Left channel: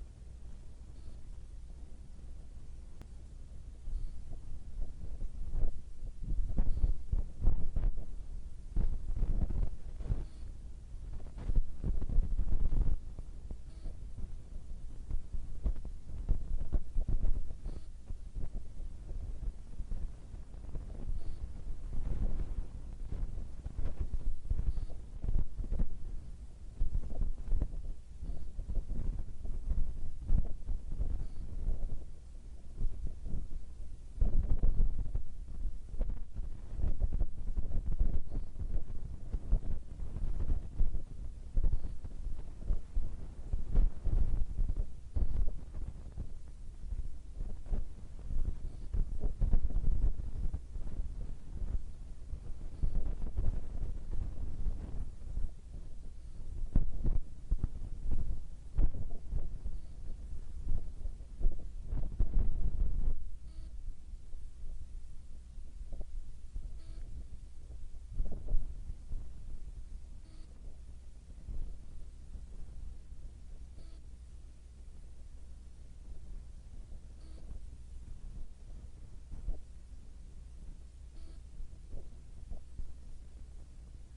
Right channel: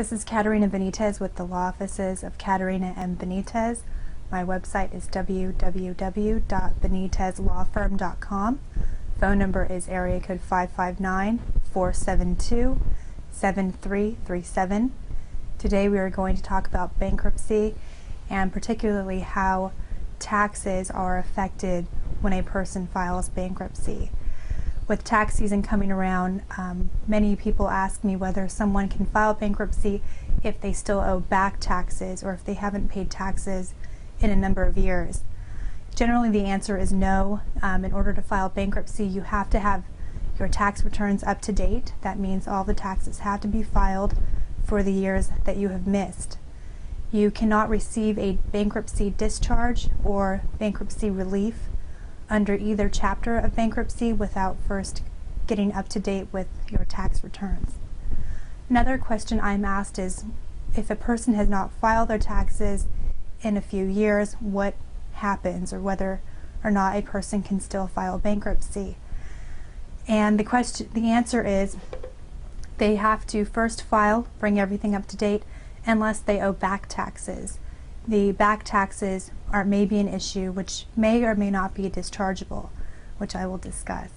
This is Caterina Benitez with the law offices of Caterina M. Benitez. My website is www.benitezlawfirm.com. Phone number is area code 559-472-7337. Today we are going to talk about bankruptcy and particularly how taxes are affected when a person files bankruptcy. With tax season coming around, many people ask me whether someone can file bankruptcy if they still owe back taxes or if they haven't paid taxes in a number of years. Generally the answer is no. In order to file bankruptcy, you have to have your tax returns up to date. That means all the taxes have to be filed for the years that you have missed. You cannot receive a bankruptcy discharge or bankruptcy relief under either chapter of bankruptcy without first getting up to date with your tax returns. Another question I'm asked is if a person has not filed their taxes in a few years, what happens, or whether or not a person can still file bankruptcy. And the answer is they have to first file, bring everything up to date, unless they owe back taxes. The back taxes may be an issue which may or may not be dischargeable, which I will discuss.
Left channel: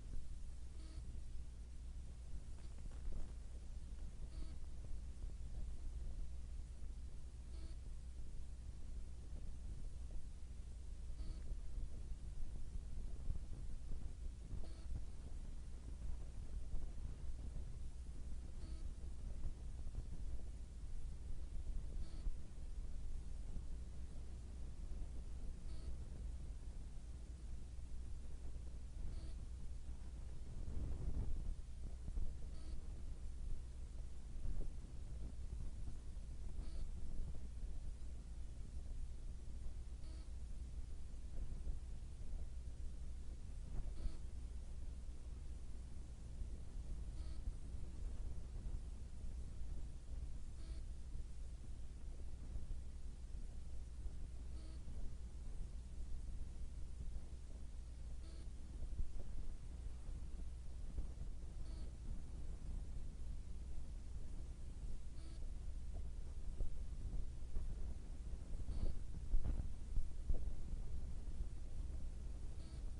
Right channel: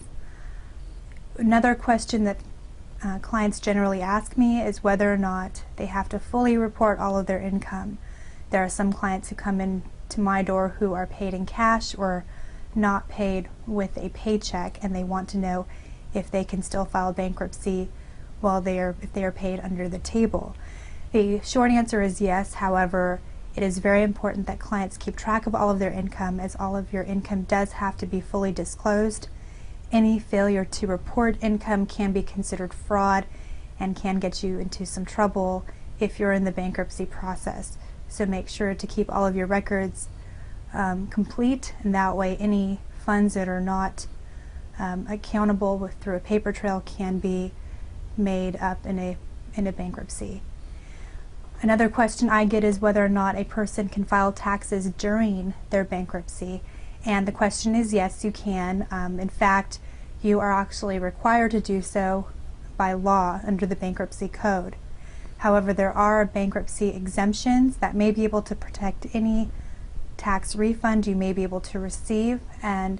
Another question that clients generally ask me is whether or not they have to fully report all of their income. There are some clients who come in to my door who are paid in cash or not paid with a paycheck, and they want to know if they can still file bankruptcy if they are paid under the table. The short answer is yes. However, it is very important that clients keep track of all of their income, as all of your income does have to be fully disclosed. Any failure to report income can be considered fraud and can get you into some trouble if you're in the bankruptcy process. So make sure to keep all of your records complete, and that way any funds that are not accountable through a paper trail can be made up in a bankruptcy. Another question I get is whether or not a person can file taxes during their bankruptcy, and the question is yes, you can. In fact, you are actually required to do so by law under the Bankruptcy Code. However, there are bankruptcy exemptions that may be able to protect any tax refund you may be able to receive, and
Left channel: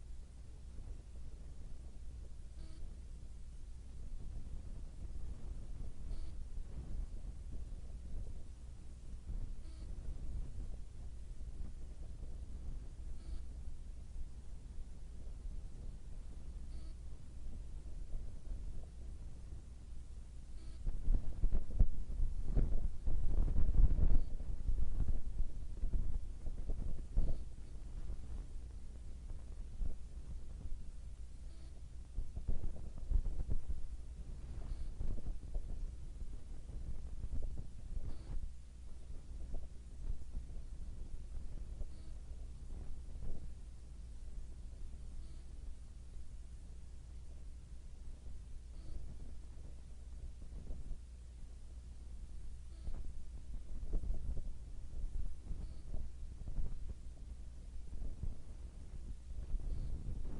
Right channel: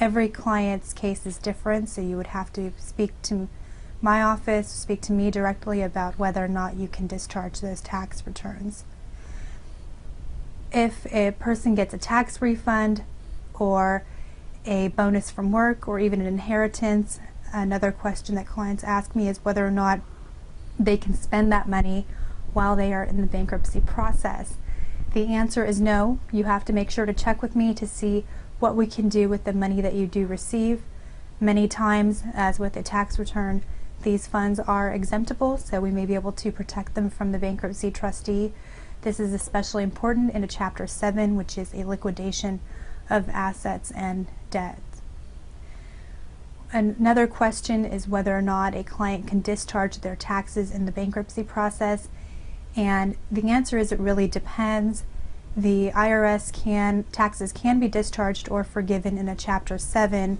every client's case is different, so you would have to speak to my office, speak to me directly about whether or not you can discharge those tax returns. If a person gets a tax refund or a bonus from work or even an inheritance, another question that clients ask me is whether or not they can spend that money while they are in the bankruptcy process. The answer is no. You have to make sure to check with me to see what we can do with the money that you do receive. Many times, as with a tax return, these funds are exemptable, so we may be able to protect them from the bankruptcy trustee. This is especially important in a Chapter 7, which is a liquidation of assets and debts. Another question is whether or not a client can discharge their taxes in the bankruptcy process, and the answer is it really depends. The IRS taxes can be discharged or forgiven in a Chapter 7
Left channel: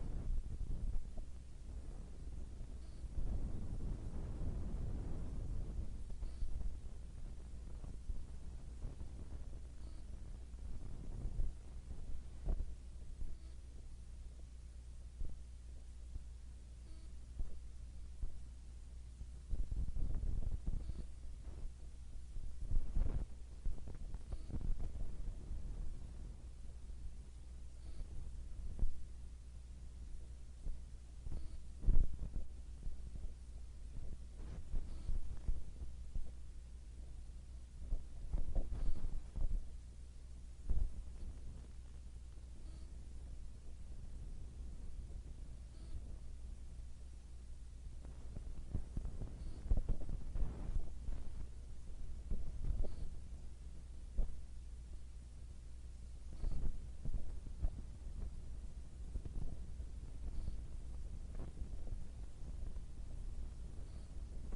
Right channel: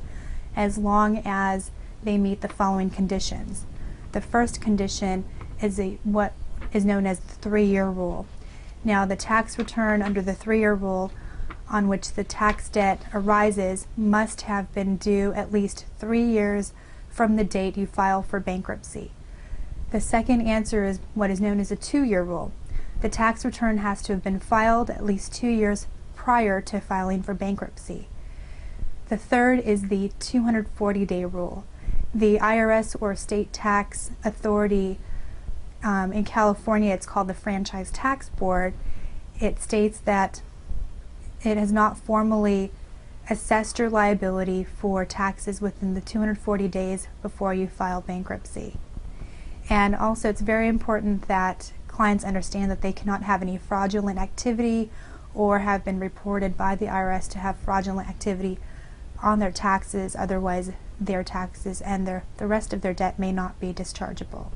as long as they meet the following conditions. The first condition is what is known as the 3-year rule. Now, the tax return under the 3-year rule on which the tax debt arises must have been due at least 3 years from the date you file for bankruptcy. The second answer is what is known as a 2-year rule. The tax return has to have been filed at least 2 years prior to filing for bankruptcy. The third is the 240-day rule. The IRS or state tax authority in California, it's called the Franchise Tax Board. It states that it has not formally assessed your liability for taxes within the 240 days before you file bankruptcy. And also, it's very important that clients understand that they cannot have any fraudulent activity or have been reported by the IRS to have fraudulent activity on their taxes, otherwise their taxes and the rest of their debt may not be dischargeable.